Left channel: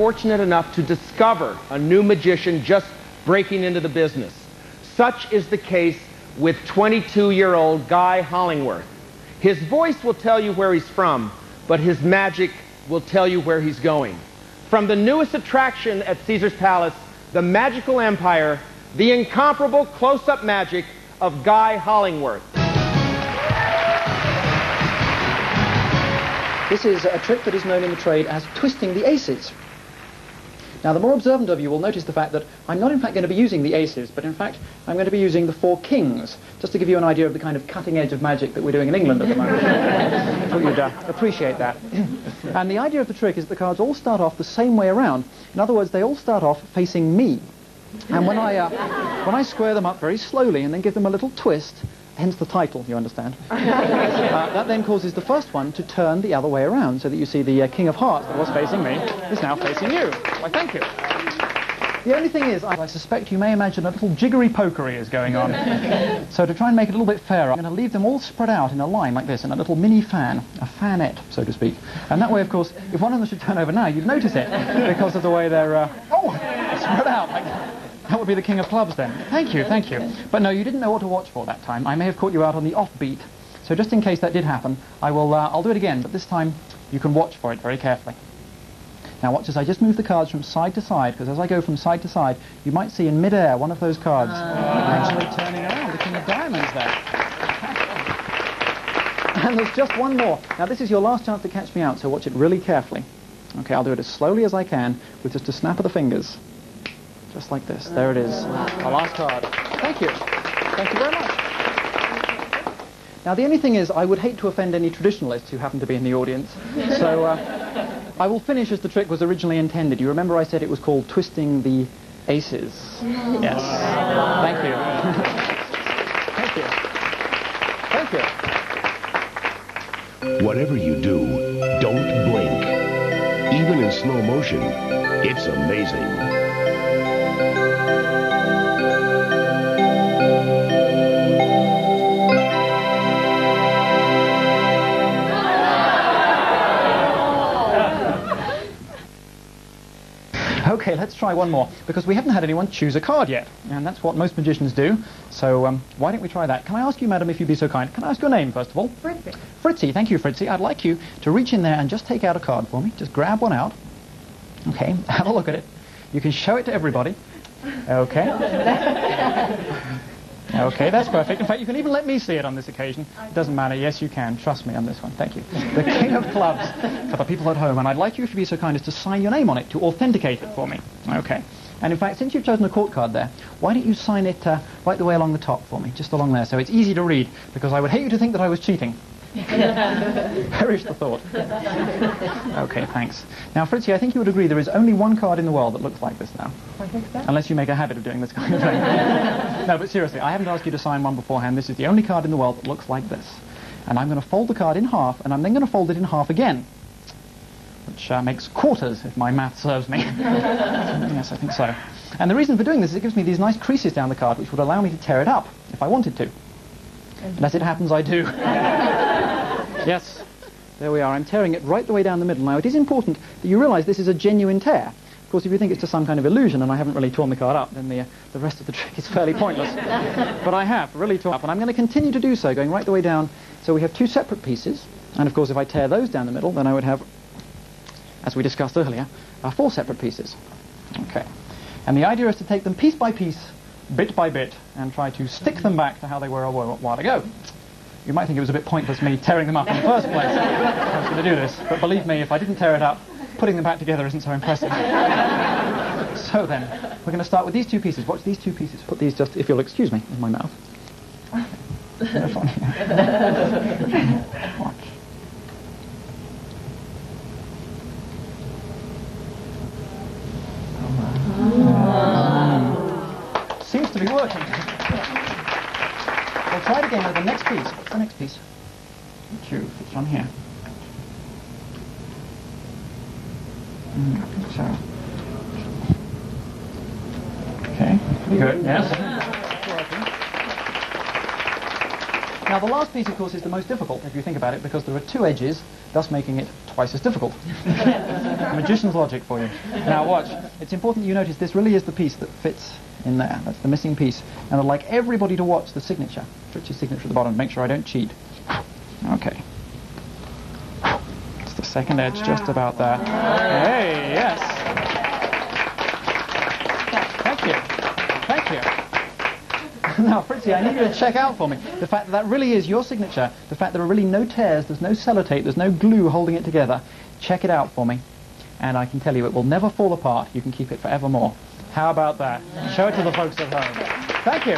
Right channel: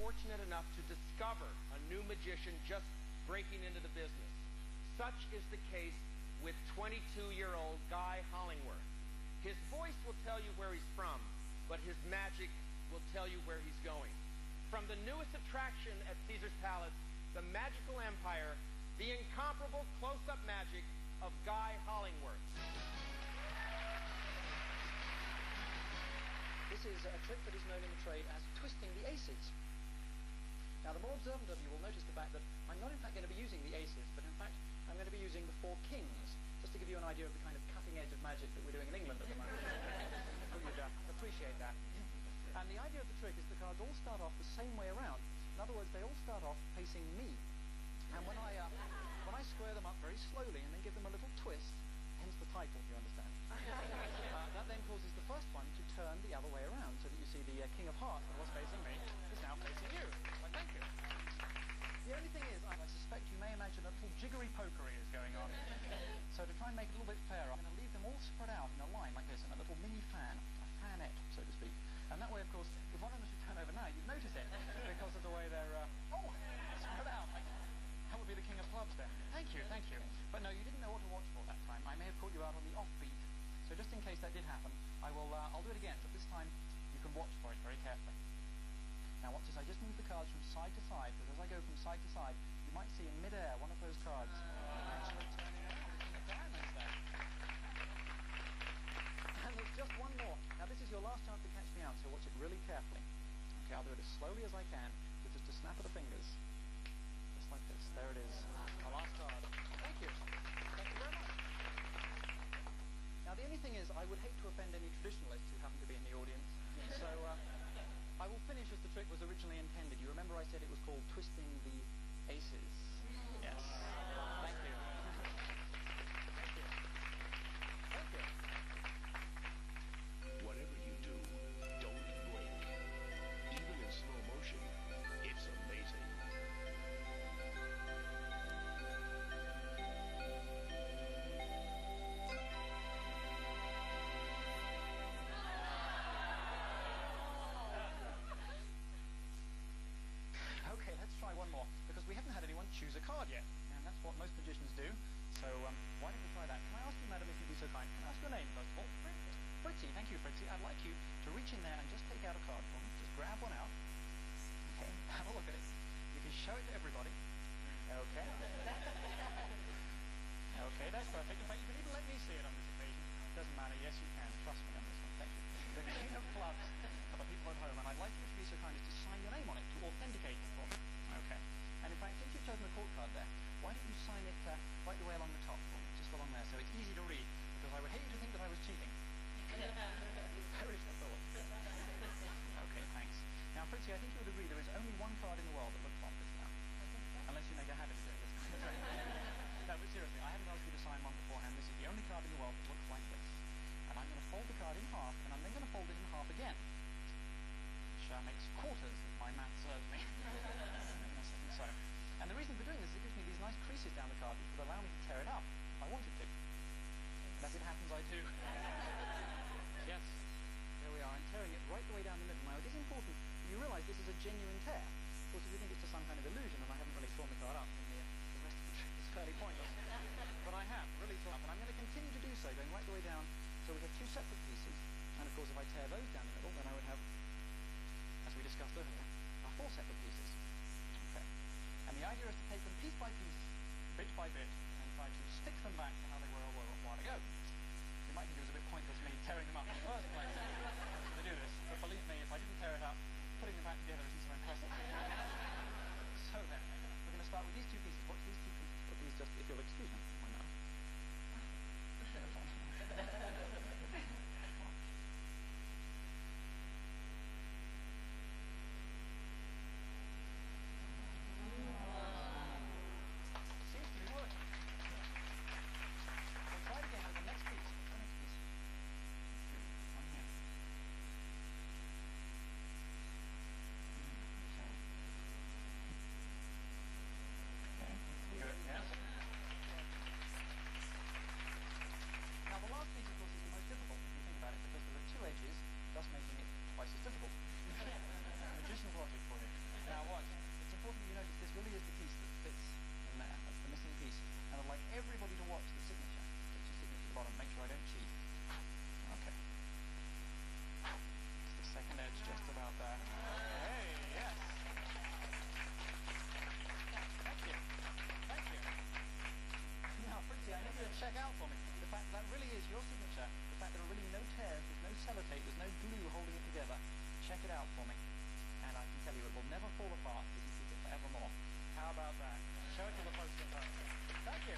fortunate enough to discover a new magician just breaking into the business. Such is the case with 22-year-old Guy Hollingworth. His voice will tell you where he's from, but his magic will tell you where he's going. From the newest attraction at Caesar's Palace, the Magical Empire, the incomparable close-up magic of Guy Hollingworth. This is a trick that is known in the trade as twisting the aces. Now, the more observant of you will notice the fact that I'm not in fact going to be using the aces, but in fact I'm going to be using the 4 kings, just to give you an idea of the kind of cutting edge of magic that we're doing in England at the moment. I thought you'd appreciate that. And the idea of the trick is that the cards all start off the same way around. In other words, they all start off facing me. And when I square them up very slowly and then give them a little twist, hence the title, you understand, that then causes the first one to turn the other way around, so that you see the King of Hearts that was facing me is now facing you. Why, thank you. The only thing is, I suspect you may imagine a little jiggery-pokery is going on. So to try and make it a little bit fairer, I'm going to leave them all spread out in a line like this, in a little mini fan, a fanette, so to speak. And that way, of course, if one of them should turn over now, you'd notice it, because of the way they're, spread out like that. That would be the King of Clubs then. Thank you, thank you. But no, you didn't know what to watch for that time. I may have caught you out on the offbeat. So just in case that did happen, I'll do it again, but this time you can watch for it very carefully. Now watch as I just move the cards from side to side, because as I go from side to side, you might see in mid-air one of those cards actually turning around, the King of Diamonds there. And there's just one more. Now this is your last chance to catch me out, so watch it really carefully. Okay, I'll do it as slowly as I can, with just a snap of the fingers. Just like this. There it is. Our last card. Thank you. Thank you very much. Now, the only thing is, I would hate to offend any traditionalists who happen to be in the audience. So, I will finish as the trick was originally intended. You remember I said it was called twisting the aces? Yes. Thank you. Thank you. Thank you. Whatever you do, don't blink. Even in slow motion, it's amazing. Okay, let's try one more, because we haven't had anyone choose a card yet, and that's what most magicians do, so why don't we try that? Can I ask you, madam, if you'd be so kind, can I ask your name, first of all? Fritzy. Fritzy, thank you, Fritzy. I'd like you to reach in there and just take out a card for me. Just grab one out. Okay, have a look at it. You can show it to everybody. Okay. Okay, that's perfect. In fact, you can even let me see it on this occasion. It doesn't matter. Yes, you can. Trust me on this one. Thank you. The King of Clubs for the people at home. And I'd like you to be so kind as to sign your name on it to authenticate it for me. Okay. And in fact, since you've chosen a court card there, why don't you sign it right the way along the top for me, just along there, so it's easy to read, because I would hate you to think that I was cheating. Perish the thought. Okay, thanks. Now, Fritzy, I think you would agree there is only one card in the world that looks like this now. I think so. Unless you make a habit of doing this kind of thing. No, but seriously, I haven't asked you to sign one beforehand. This is the only card in the world that looks like this. And I'm going to fold the card in half, and I'm then going to fold it in half again. Which makes quarters, if my math serves me. Yes, I think so. And the reason for doing this is it gives me these nice creases down the card, which would allow me to tear it up, if I wanted to. And as it happens, I do. Yes, there we are. I'm tearing it right the way down the middle. Now, it is important that you realise this is a genuine tear. Of course, if you think it's just some kind of illusion and I haven't really torn the card up, then the rest of the trick is fairly pointless. But I have really torn up, and I'm going to continue to do so, going right the way down. So we have 2 separate pieces. And, of course, if I tear those down the middle, then I would have, as we discussed earlier, 4 separate pieces. Okay. And the idea is to take them piece by piece, bit by bit, and try to stick them back to how they were a while ago. You might think it was a bit pointless me tearing them up in the first place. I was going to do this, but believe me, if I didn't tear it up, putting them back together isn't so impressive. So then, we're going to start with these 2 pieces. Watch these 2 pieces. Put these just, if you'll excuse me, in my mouth. Watch. Seems to be working. We'll try it again with the next piece. What's the next piece? It's on here. So. Okay, pretty good, yes. Now, the last piece, of course, is the most difficult, if you think about it, because there are two edges, thus making it twice as difficult. Magician's logic for you. Now, watch. It's important that you notice this really is the piece that fits in there. That's the missing piece. And I'd like everybody to watch the signature. Richie's signature at the bottom. Make sure I don't cheat. Okay. It's the second edge just about there. Hey, yes. Thank you. Thank you. Now, Fritzy, I need you to check out for me the fact that that really is your signature, the fact there are really no tears, there's no sellotape, there's no glue holding it together. Check it out for me, and I can tell you it will never fall apart. You can keep it forevermore. How about that? Show it to the folks at home. Thank you.